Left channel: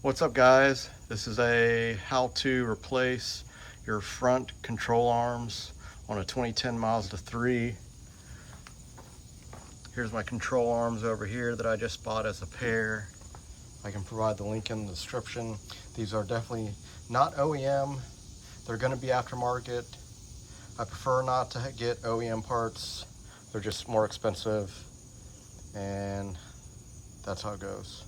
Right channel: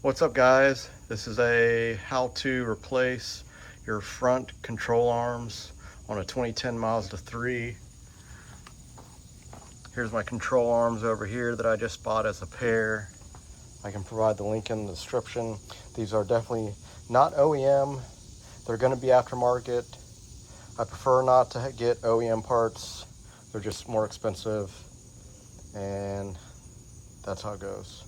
What's up, guys? This is a how to replace your front control arms on a 2010 Mazda 3. Here's my control arms over here that I just bought as a pair. I can provide the link in the description. These are definitely not OEM. They're going to be aftermarket. I prefer not to get OEM parts. They're just more expensive, and that's how it goes.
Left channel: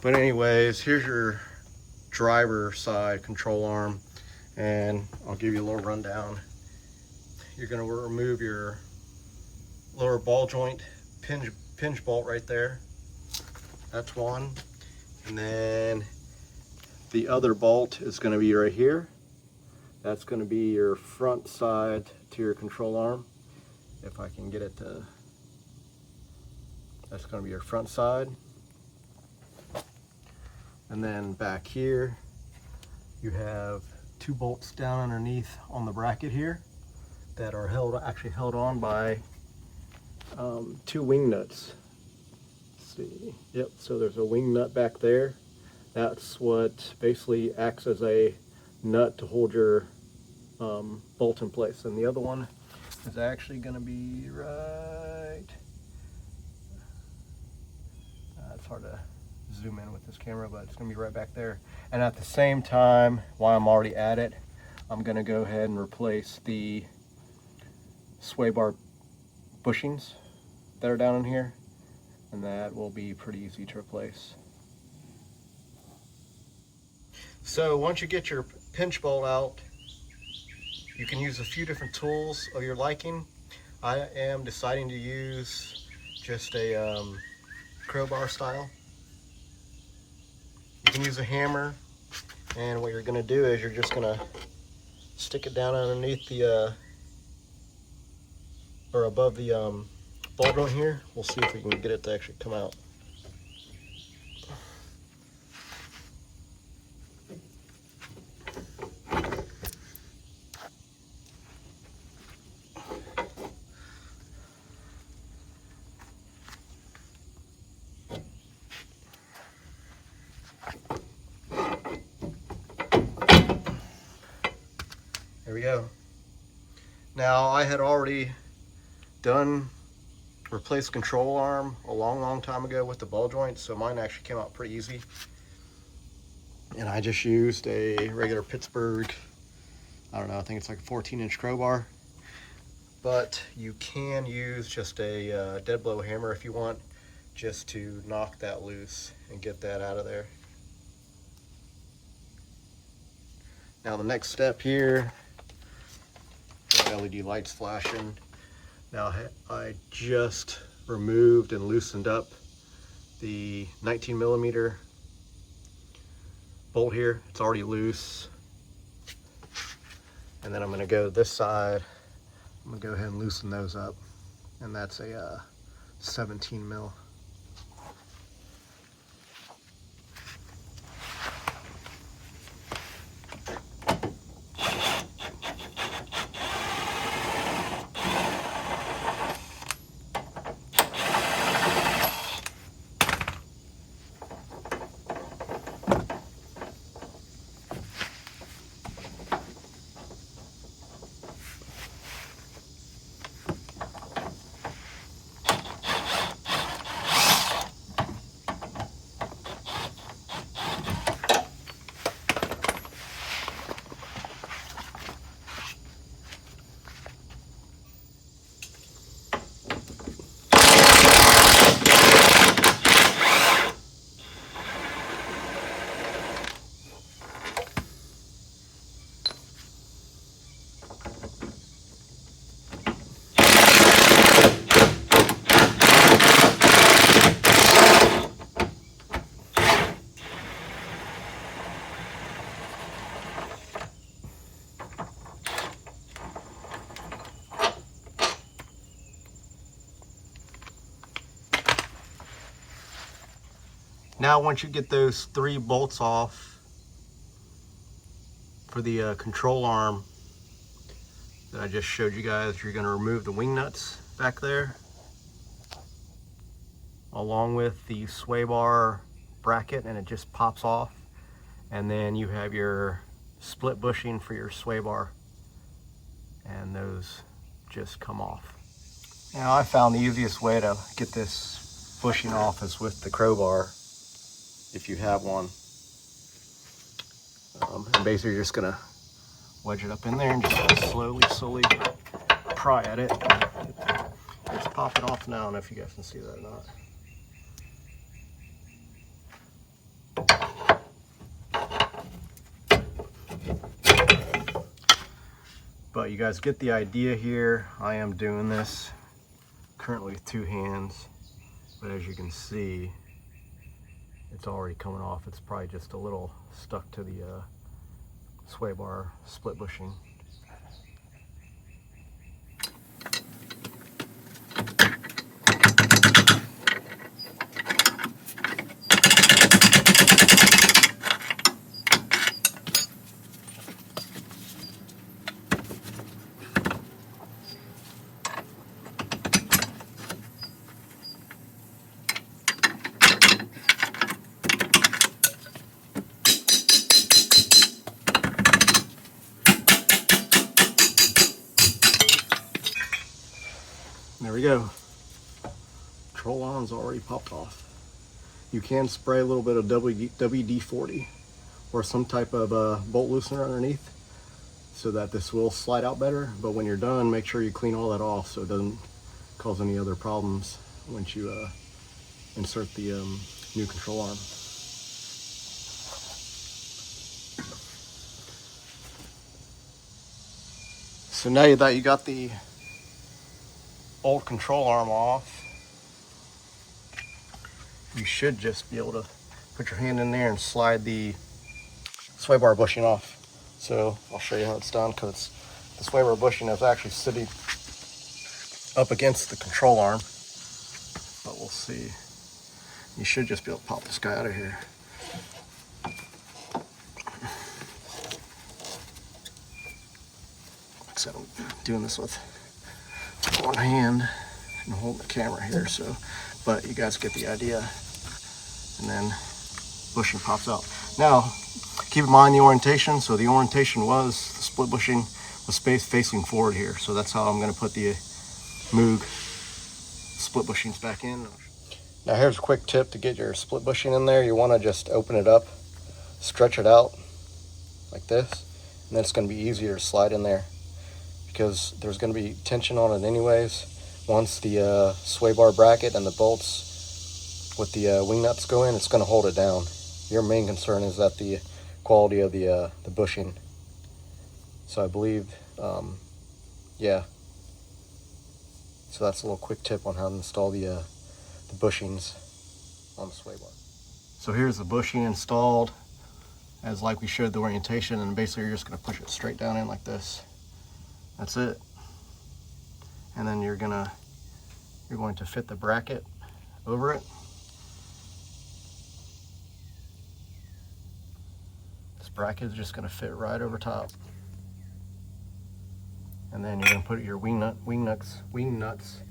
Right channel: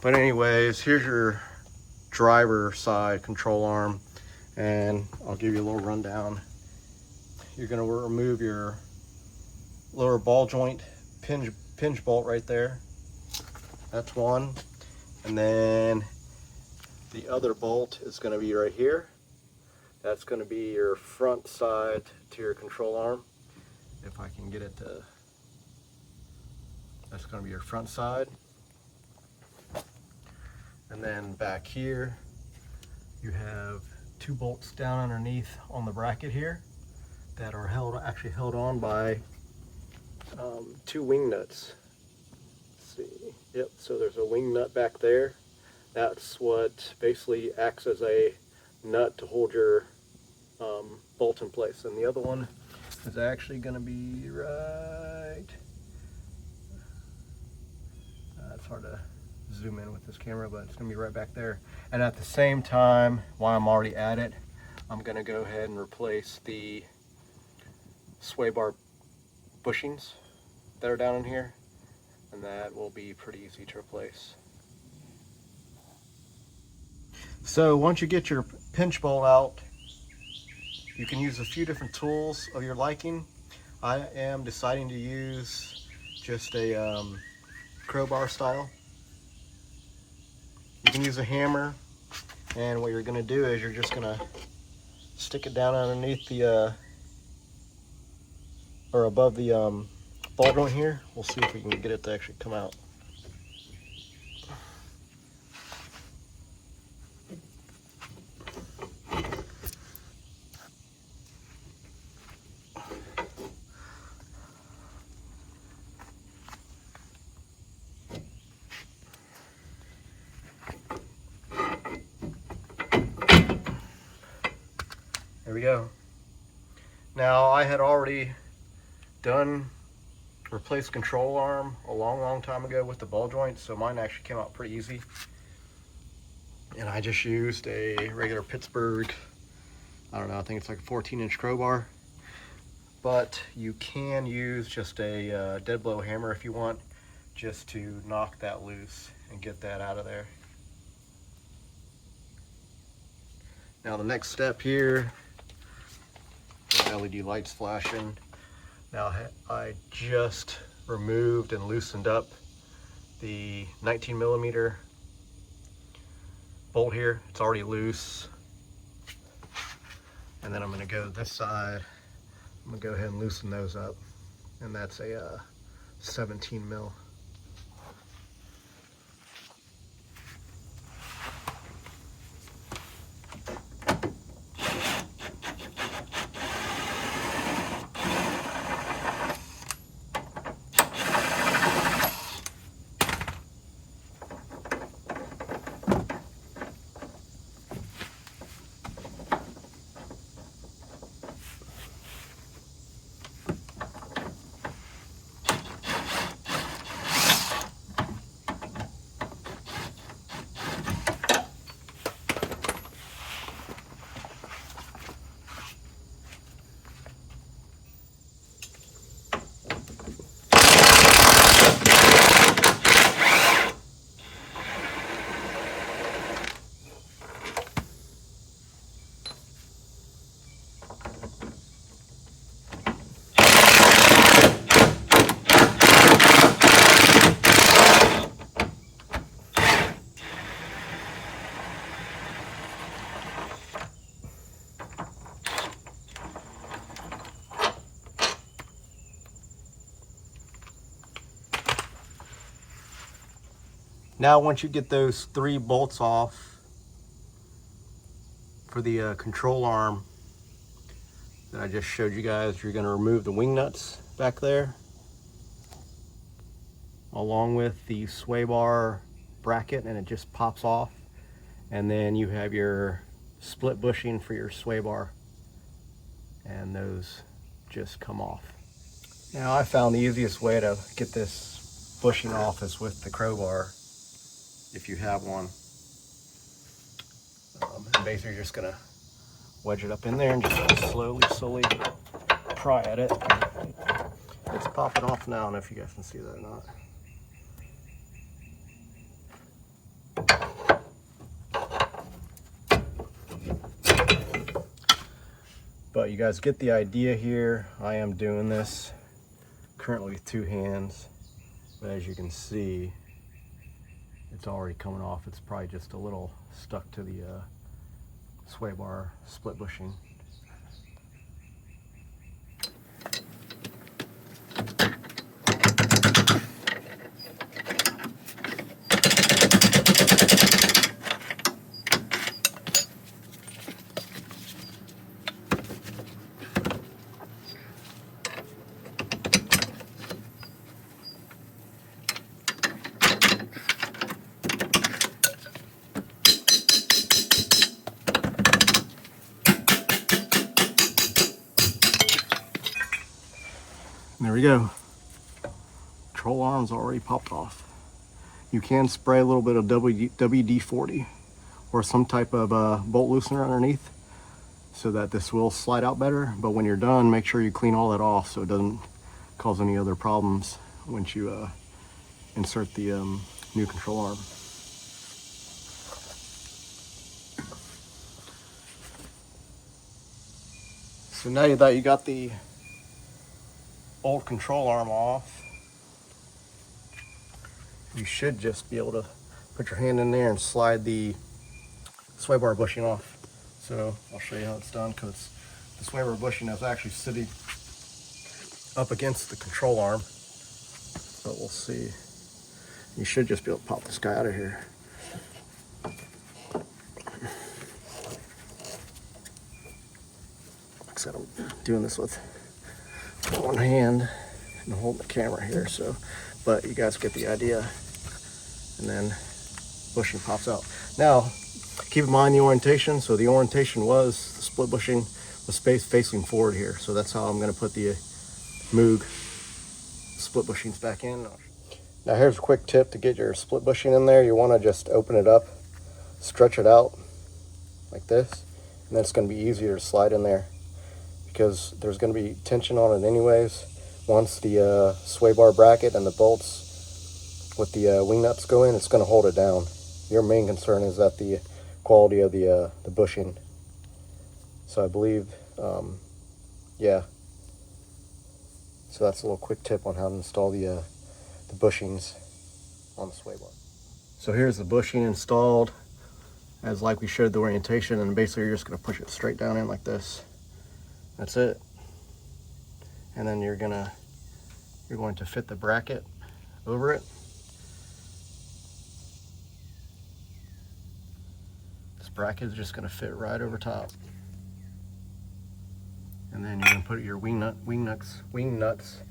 But anyways, here's your driver side control arm, and I'll give you a little rundown. You're going to remove your lower ball joint pinch bolt right there. That's one. And then the other bolt is going to be right here. That's going to be your front side to your control arm. If I can get it to, that's going to be your front side. And then back here, you have two bolts down underneath on the bracket here that are actually held on by two wing nuts. Let's see. Yep, so there's a wing nut back there. That's what basically acts as a nut to hold your bolt in place. And the other one is actually going to be right, it's hard to zoom in with this camera, but it's going to be right back there. And at the same time, while I'm already at it, I'm going to go ahead and replace the sway bar bushings that are down in here, and that will be pretty easy to replace. So once you get your pinch bolt out, you can use a few different tools of your liking. I am deciding to use just a crowbar style. You can use a hammer, and what you're going to do is you're just going to stick it down underneath the or above the ball joint here. We'll see if we can get it to actually come out. There we go. Now, I had already replaced control arm a long time ago with the ball joint, so mine actually came out pretty easy. And I just used a regular Pittsburgh, I don't know, I think it's like a 14-inch crowbar. But you can use just a dead blow hammer if you want, just to knock that loose and get that out of there. Now the next step here, the LED lights flashing. Now I just removed and loosened up the 19mm bolt here. It's already loose. And then I'm gonna go to this side. I'm gonna go ahead and loosen those up. And that's a 17 mil. Now once you get those 3 bolts off for the control arm that I just showed you guys, you're going to remove the wing nuts back there, along with the sway bar bracket and it just pops off. And then you have your split bushing for your sway bar, and those just come off. Now I found the easiest way to get this bushing off is with the crowbar, if you have one. And basically you're just gonna wedge it up in there and just slowly pry at it. It's popping off now. I don't know if you guys can see that or not. But you guys get the idea here. I am doing this currently with 2 hands, but as you can see, it's already coming off. It's probably just a little stuck to the sway bar split bushing. There we go. Control arm's already popped off. You can spray a little bit of WD-40 or some type of bolt loosener underneath so that this will slide out better. But when you're done, make sure you clean all that off so it doesn't cause any other problems once you insert the new control arm. So now that you got the old control arm off, you should just be able to put your hand in there and slide the sway bar bushing off. So I'll show you how it's done, because the sway bar bushing is actually sitting up against the control arm. But we'll see. You should just be able to pop this guy out of here. Like I said, I'm doing this with one hand and holding the camera here, so, but you guys get the idea. And then bushing pops out. Now, keep in mind the orientation. So the orientation was the split bushing with space facing forward here. So that's how I'm going to put the Moog split bushings back in. Now here's a quick tip to get your split bushing in there. You want to just open it up, stretch it out like this, and then it's going to be easier to slide in there, because there's going to be tension on it anyways. Once the sway bar bracket and the bolts with the wing nuts go in, it's going to hold it down. Your main concern is that the quality of the bushing. So I believe, yeah. So that's a little quick tip on how to install the bushings on the sway bar. So here's the bushing installed, as like we showed the orientation, and basically you're just going to push it straight down in like this. That's it. And then you're going to fit the bracket over it. This bracket is just going to fit right over top. And then you're going to put your wing nuts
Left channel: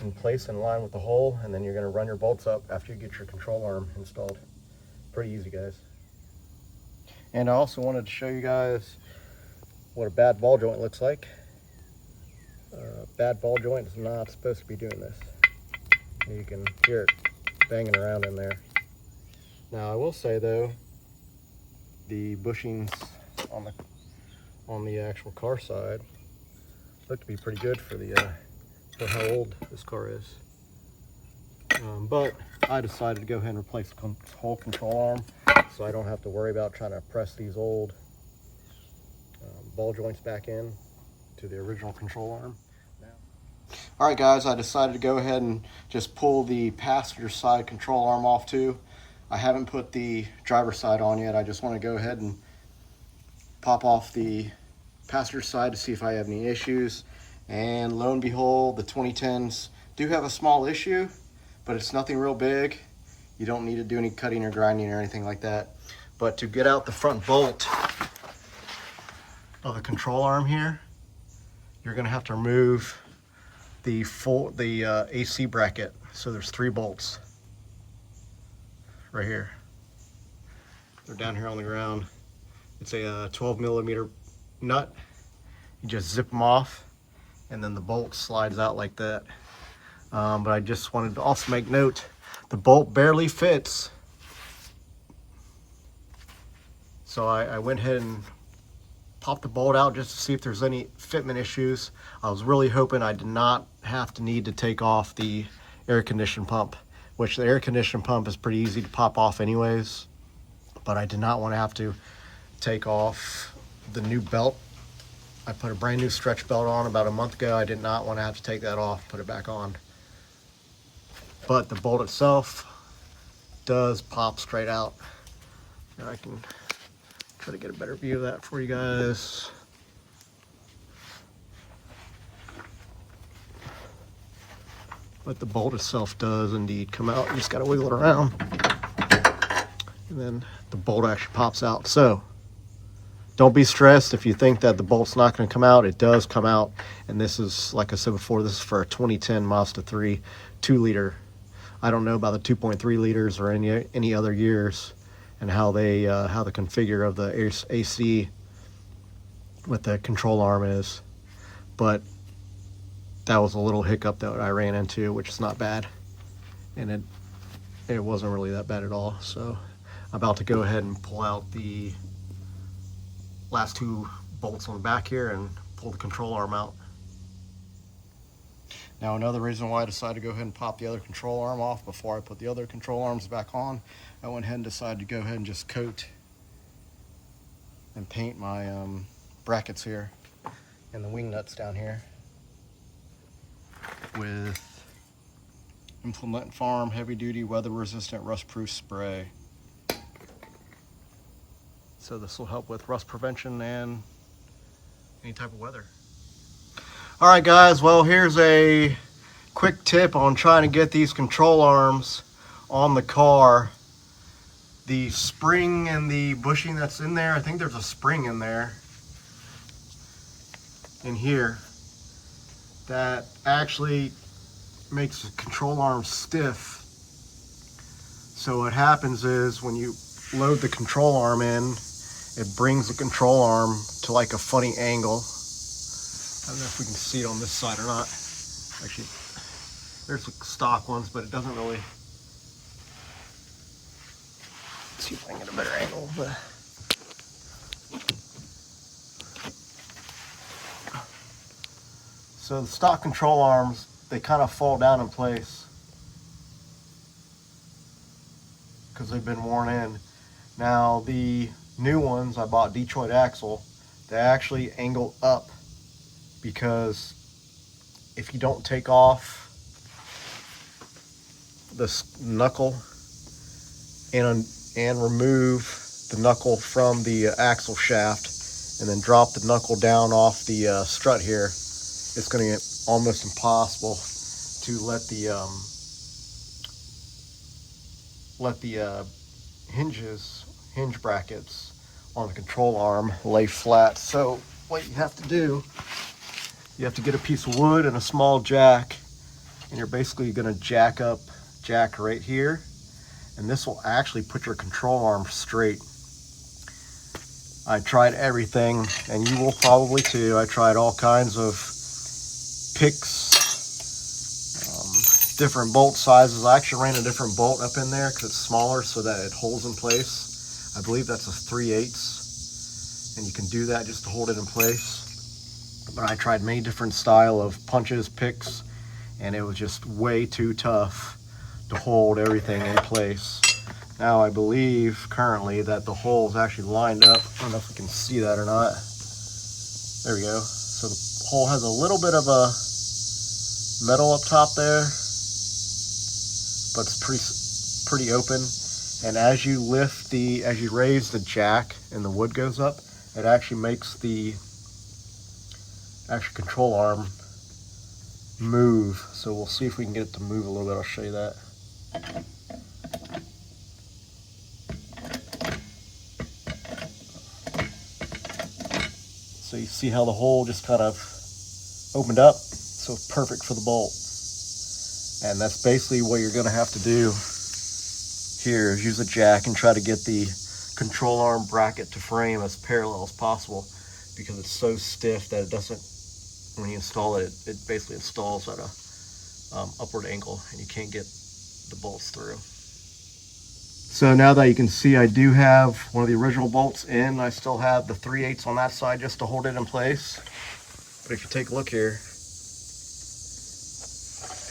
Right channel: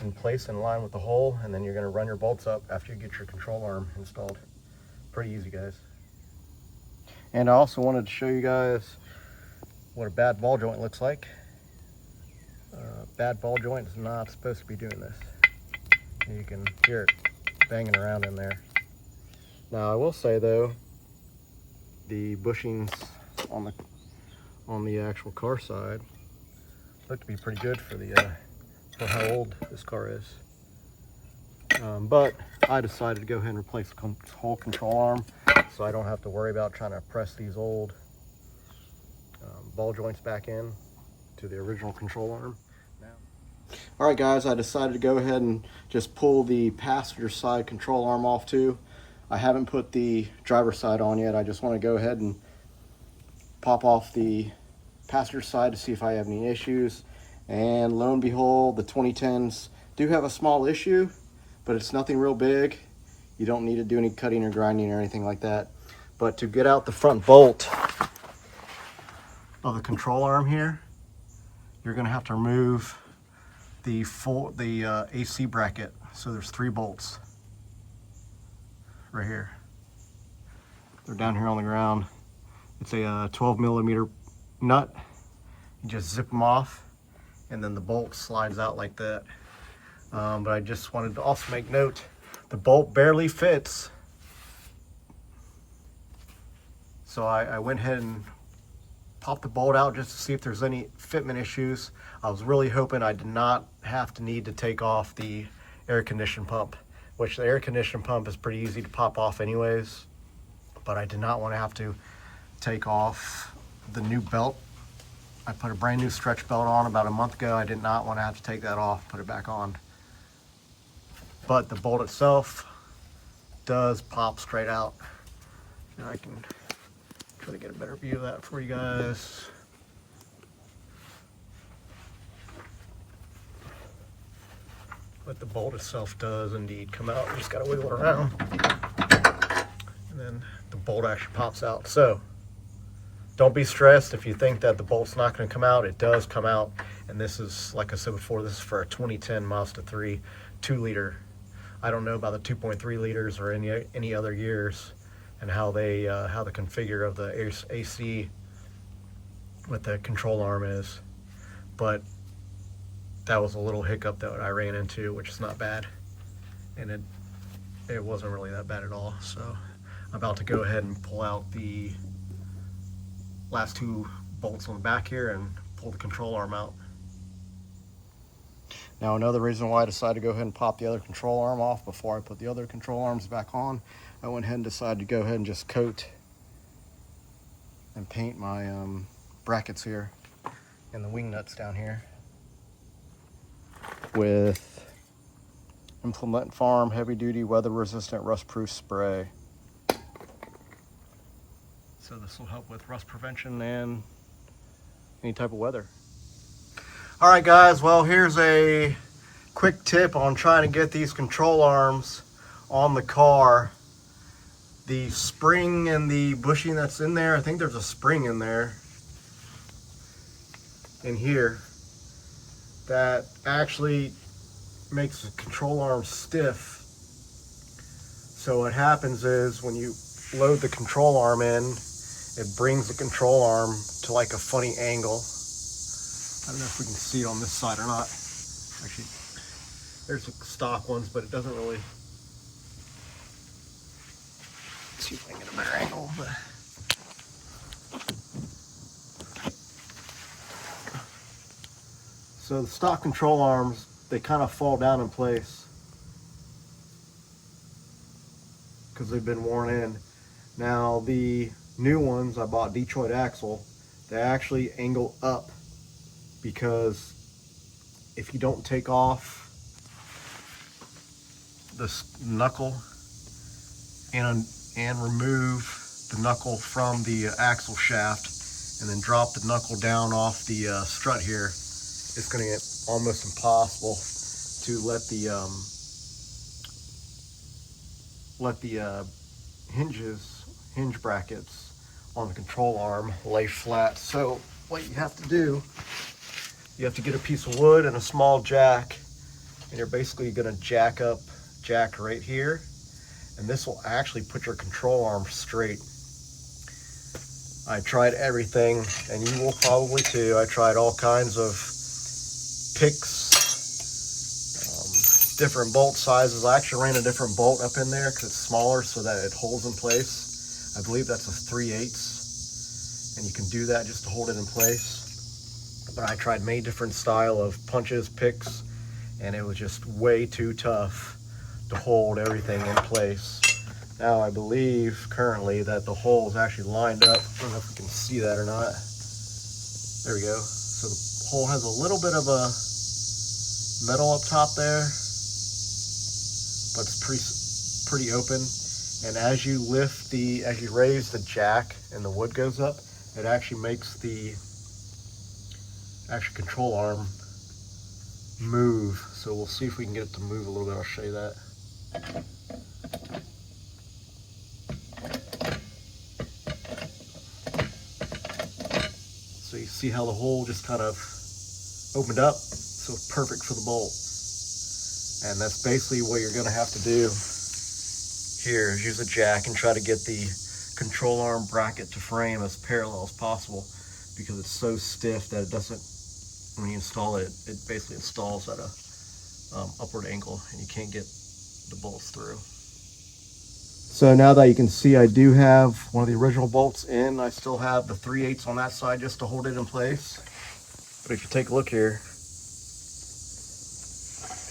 in place in line with the hole, and then you're going to run your bolts up after you get your control arm installed. Pretty easy, guys. And I also wanted to show you guys what a bad ball joint looks like. Bad ball joint is not supposed to be doing this. You can hear it banging around in there. Now I will say though, the bushings on the actual car side look to be pretty good for for how old this car is. But I decided to go ahead and replace the whole control arm, so I don't have to worry about trying to press these old ball joints back in to the original control arm. Alright guys, I decided to go ahead and just pull the passenger side control arm off too. I haven't put the driver side on yet. I just want to go ahead and pop off the passenger side to see if I have any issues. And lo and behold, the 2010s do have a small issue, but it's nothing real big. You don't need to do any cutting or grinding or anything like that. But to get out the front bolt of the control arm here, you're going to have to remove the AC bracket. So there's 3 bolts right here. They're down here on the ground. It's a 12 millimeter nut. You just zip them off and then the bolt slides out like that. But I just wanted to also make note, the bolt barely fits. So I went ahead and popped the bolt out just to see if there's any fitment issues. I was really hoping I did not have to need to take off the air conditioning pump, which the air conditioning pump is pretty easy to pop off anyways. But I did not want to have to take off the new belt. I put a brand new stretch belt on about a month ago. I did not want to have to take that off, put it back on. But the bolt itself does pop straight out. And I can try to get a better view of that for you guys. But the bolt itself does indeed come out. You just gotta wiggle it around. And then the bolt actually pops out. So don't be stressed if you think that the bolt's not gonna come out. It does come out. And this is, like I said before, this is for a 2010 Mazda 3 2-liter. I don't know about the 2.3 liters or any other years and how the configure of the AC with the control arm is, but that was a little hiccup that I ran into, which is not bad, and it wasn't really that bad at all. So I'm about to go ahead and pull out the last 2 bolts on the back here and pull the control arm out. Now, another reason why I decided to go ahead and pop the other control arm off before I put the other control arms back on, I went ahead and decided to go ahead and just coat and paint my brackets here and the wing nuts down here with Implement Farm heavy duty weather resistant rust proof spray. So this will help with rust prevention and any type of weather. All right guys, well, here's a quick tip on trying to get these control arms on the car. The spring and the bushing that's in there, I think there's a spring in there, in here, that actually makes the control arm stiff. So what happens is when you load the control arm in, it brings the control arm to like a funny angle. I don't know if we can see it on this side or not. Actually, there's the stock ones, but it doesn't really. Let's see if I can get a better angle. But so the stock control arms, they kind of fall down in place because they've been worn in. Now the new ones I bought, Detroit axle, they actually angle up, because if you don't take off this knuckle and remove the knuckle from the axle shaft and then drop the knuckle down off the strut here, it's going to get almost impossible to let the hinge brackets on the control arm lay flat. So what you have to do, you have to get a piece of wood and a small jack, and you're basically going to jack right here, and this will actually put your control arm straight. I tried everything, and you will probably too. I tried all kinds of picks, different bolt sizes. I actually ran a different bolt up in there because it's smaller so that it holds in place. I believe that's a 3/8, and you can do that just to hold it in place. But I tried many different style of punches, picks, and it was just way too tough to hold everything in place. Now I believe currently that the hole is actually lined up. I don't know if we can see that or not. There we go. So the hole has a little bit of a metal up top there, but it's pretty open. And as you raise the jack and the wood goes up, it actually makes the actual control arm move. So we'll see if we can get it to move a little bit. I'll show you that. So you see how the hole just kind of opened up, so it's perfect for the bolt. And that's basically what you're going to have to do here, is use a jack and try to get the control arm bracket to frame as parallel as possible, because it's so stiff that it doesn't, when you install it, it basically installs at a upward angle and you can't get the bolts through. So now that you can see, I do have one of the original bolts in. I still have the 3/8 on that side just to hold it in place. But if you take a look here,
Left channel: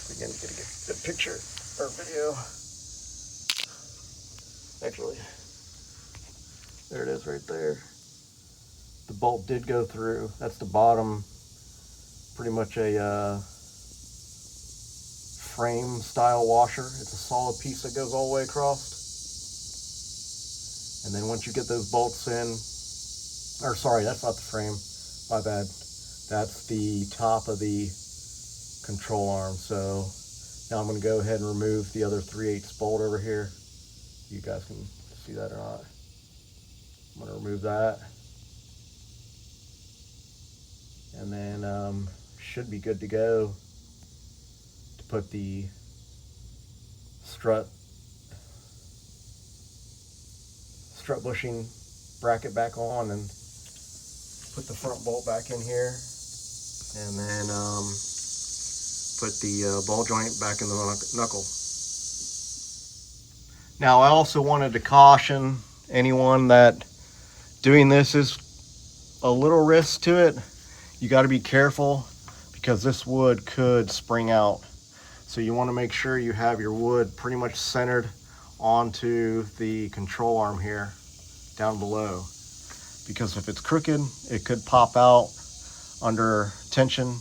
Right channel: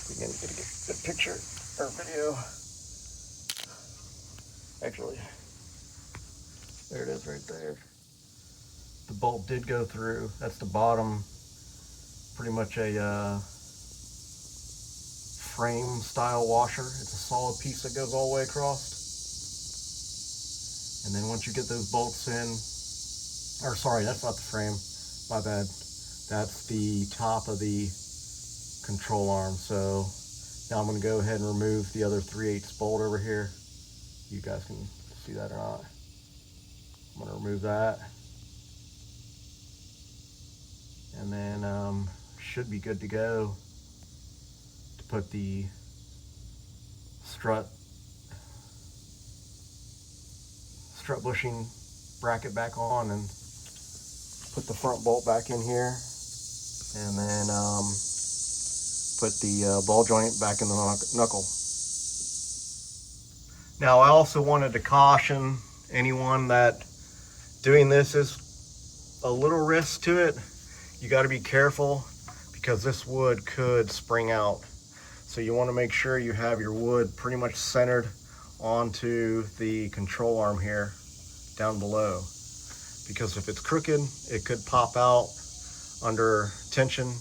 we can get a good picture or video. Actually, there it is right there. The bolt did go through. That's the bottom, pretty much a frame style washer. It's a solid piece that goes all the way across. And then once you get those bolts in, or sorry, that's not the frame, my bad. That's the top of the control arm. So now I'm going to go ahead and remove the other 3/8 bolt over here. You guys can see that or not. I'm going to remove that. And then should be good to go to put the strut bushing bracket back on and put the front bolt back in here, and then put the ball joint back in the knuckle. Now I also wanted to caution anyone that doing this is a little risk to it. You got to be careful because this wood could spring out. So you want to make sure you have your wood pretty much centered onto the control arm here down below, because if it's crooked, it could pop out under tension.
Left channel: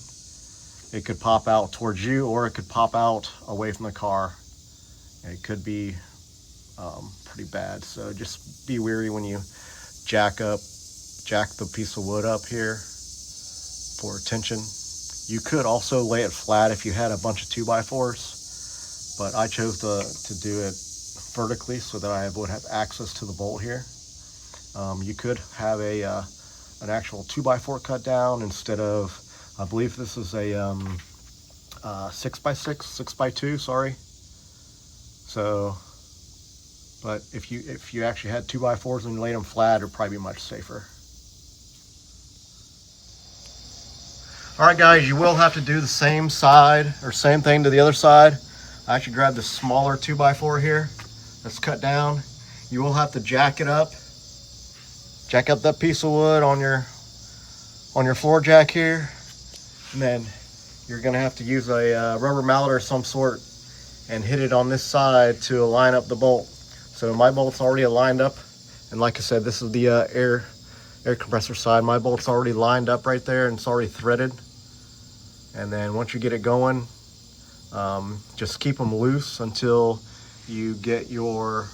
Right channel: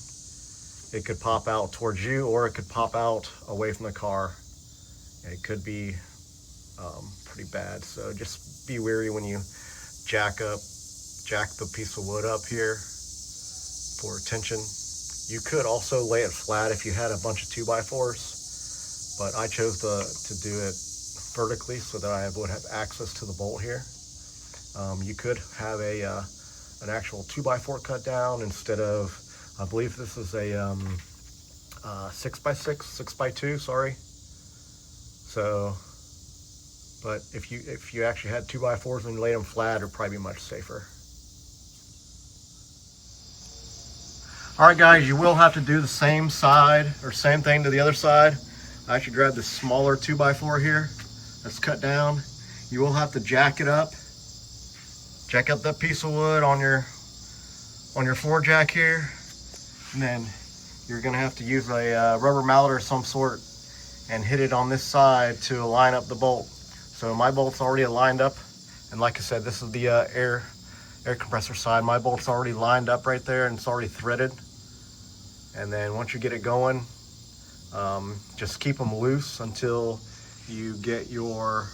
It could pop out towards you, or it could pop out away from the car. It could be pretty bad. So just be wary when you jack the piece of wood up here for tension. You could also lay it flat if you had a bunch of 2x4s, but I chose to do it vertically so that I would have access to the bolt here. You could have an actual 2x4 cut down instead of, I believe this is a 6x2, sorry. So, but if you actually had 2x4s and laid them flat, it'd probably be much safer. All right, guys, you will have to do the same side or same thing to the other side. I actually grabbed the smaller 2x4 here that's cut down. You will have to jack it up. Jack up that piece of wood on your floor jack here, and then you're gonna have to use a rubber mallet or some sort and hit it on this side to line up the bolt. So my bolt's already lined up, and like I said, this is the air compressor side. My bolt's already lined up right there and it's already threaded. And then once you get it going, just keep them loose until you get your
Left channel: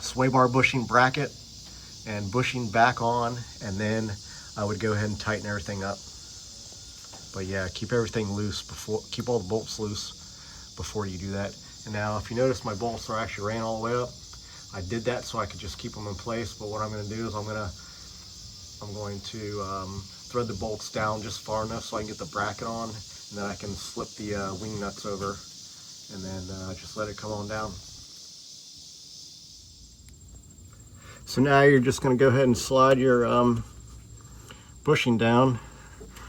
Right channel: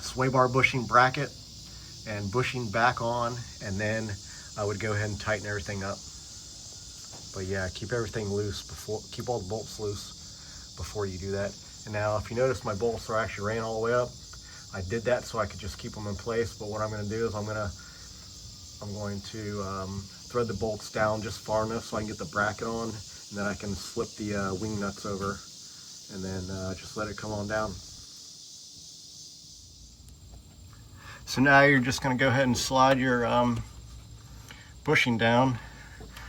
sway bar bushing bracket and bushing back on, and then I would go ahead and tighten everything up. But yeah, keep everything loose keep all the bolts loose before you do that. And now if you notice, my bolts are actually ran all the way up. I did that so I could just keep them in place, but what I'm going to do is I'm going to thread the bolts down just far enough so I can get the bracket on, and then I can slip the wing nuts over and then just let it come on down. So now you're just going to go ahead and slide your bushing down.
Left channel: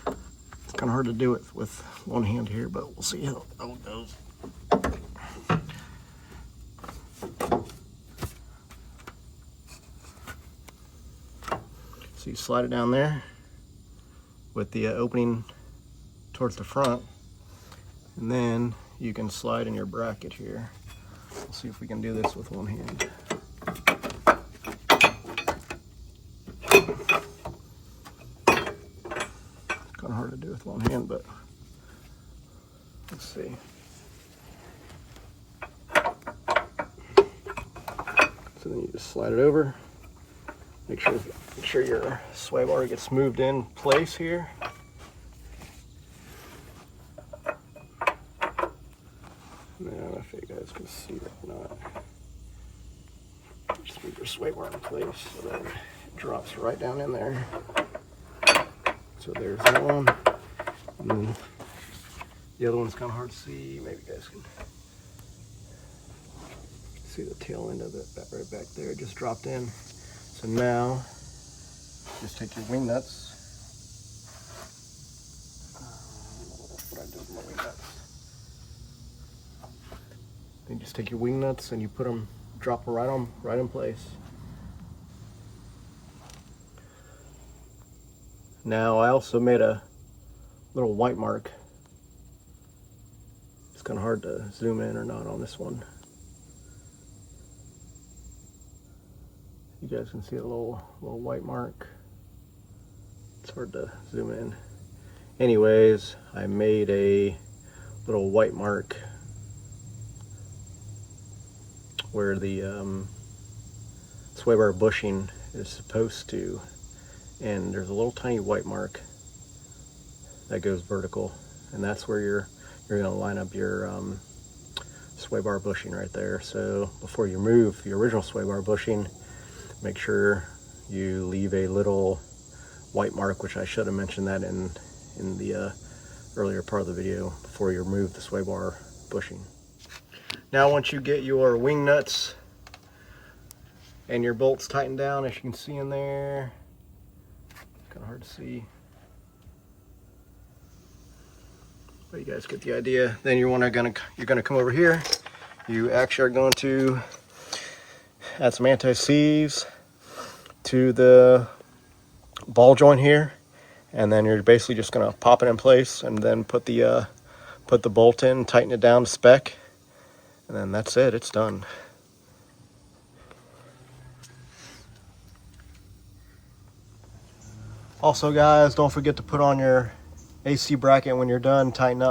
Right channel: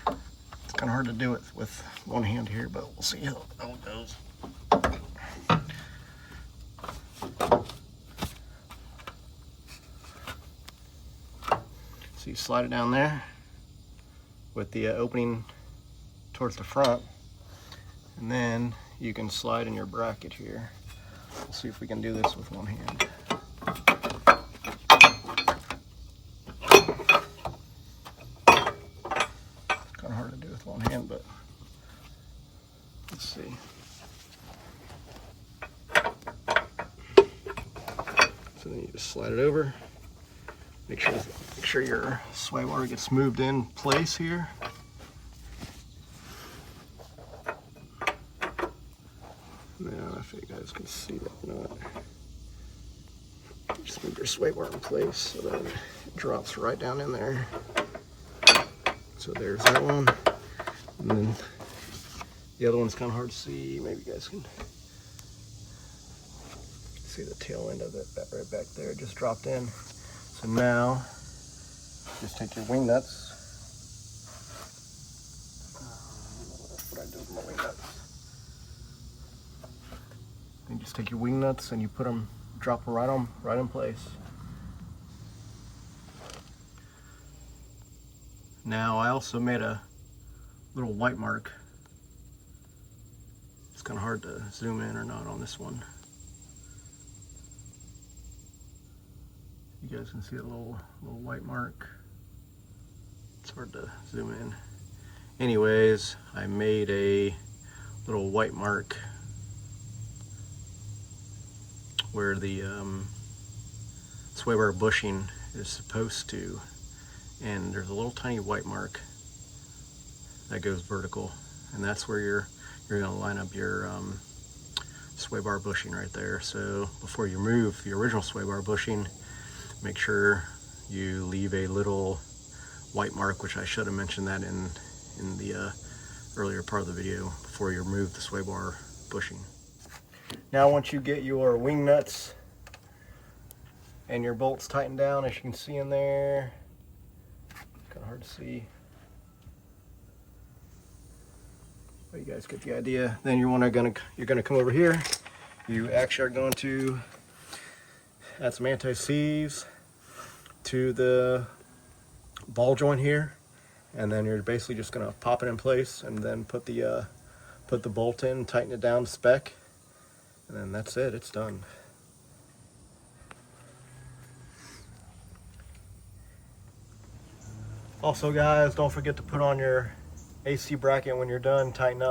It's kind of hard to do it with one hand here, but we'll see how it goes. So you slide it down there with the opening towards the front, and then you can slide in your bracket here. Let's see if we can do this with one hand. Kind of hard to do with one hand, but let's see. So then you just slide it over. Make sure your sway bar gets moved in place here. Now, if you guys can see that or not, just move your sway bar in place so that it drops right down in there. So there's that one. And then the other one's kind of hard to see. Maybe you guys can see the tail end of it right back there. It just dropped in. So now, just take your wing nuts. What I do with my wing nuts. Then just take your wing nuts and you put them, drop them right in place. Now I also made a little white mark. It's kind of hard to zoom in or not on this one. You guys can see a little white mark. It's hard to zoom in. Anyways, I made a little white mark where the sway bar bushing is supposed to, and there's a little tiny white mark that goes vertical, and that's where you're going to line up your sway bar bushing right there. So before you remove the original sway bar bushing, make sure you leave a little white mark, which I should have mentioned that in the earlier part of the video, before you remove the sway bar bushing. Now once you get your wing nuts and your bolts tightened down, as you can see in there, it's kind of hard to see, but you guys get the idea. Then you're gonna come over here. You actually are going to add some anti-seize to the ball joint here, and then you're basically just gonna pop it in place and then put the bolt in, tighten it down to spec, and then that's it, it's done. Also guys, don't forget to put on your AC bracket when you're done tightening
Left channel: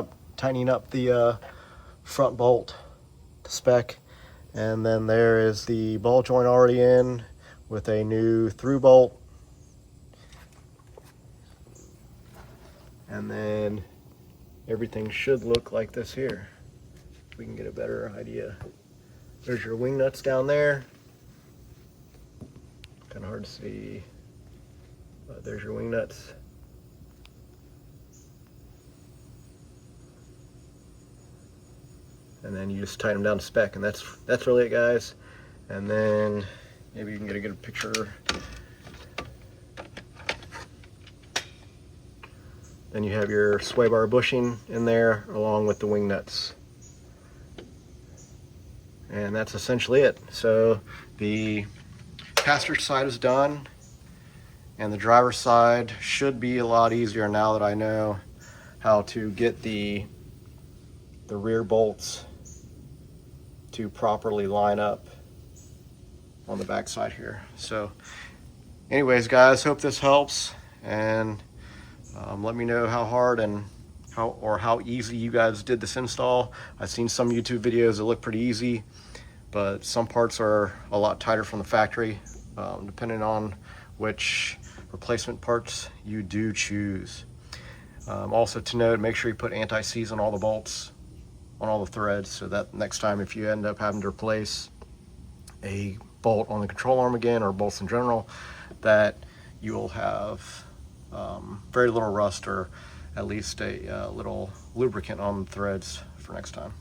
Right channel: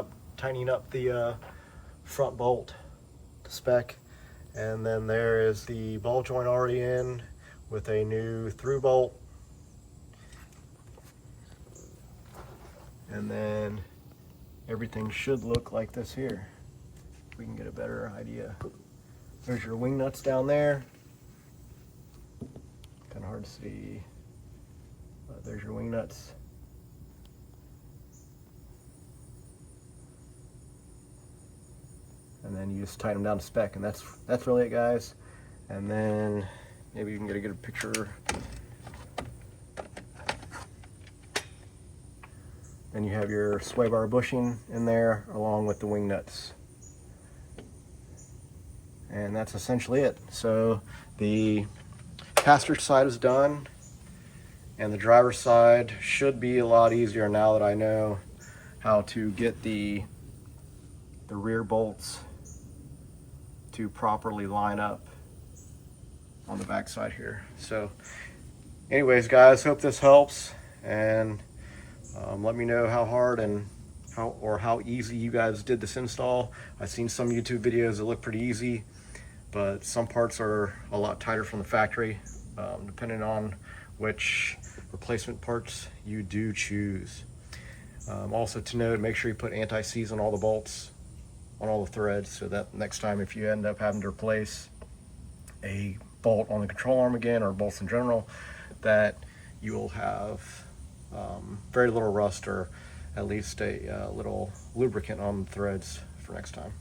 up the front bolt to spec. And then there is the ball joint already in with a new through bolt. And then everything should look like this here. We can get a better idea. There's your wing nuts down there. Kind of hard to see, but there's your wing nuts. And then you just tighten them down to spec, and that's really it, guys. And then maybe you can get a good picture. Then you have your sway bar bushing in there along with the wing nuts. And that's essentially it. So the passenger side is done, and the driver's side should be a lot easier now that I know how to get the rear bolts to properly line up on the back side here. So anyways guys, hope this helps, and let me know how hard and how easy you guys did this install. I've seen some YouTube videos that look pretty easy, but some parts are a lot tighter from the factory, depending on which replacement parts you do choose. Also to note, make sure you put anti-seize on all the bolts, on all the threads, so that next time if you end up having to replace a bolt on the control arm again, or bolts in general, that you will have very little rust, or at least a little lubricant on the threads for next time.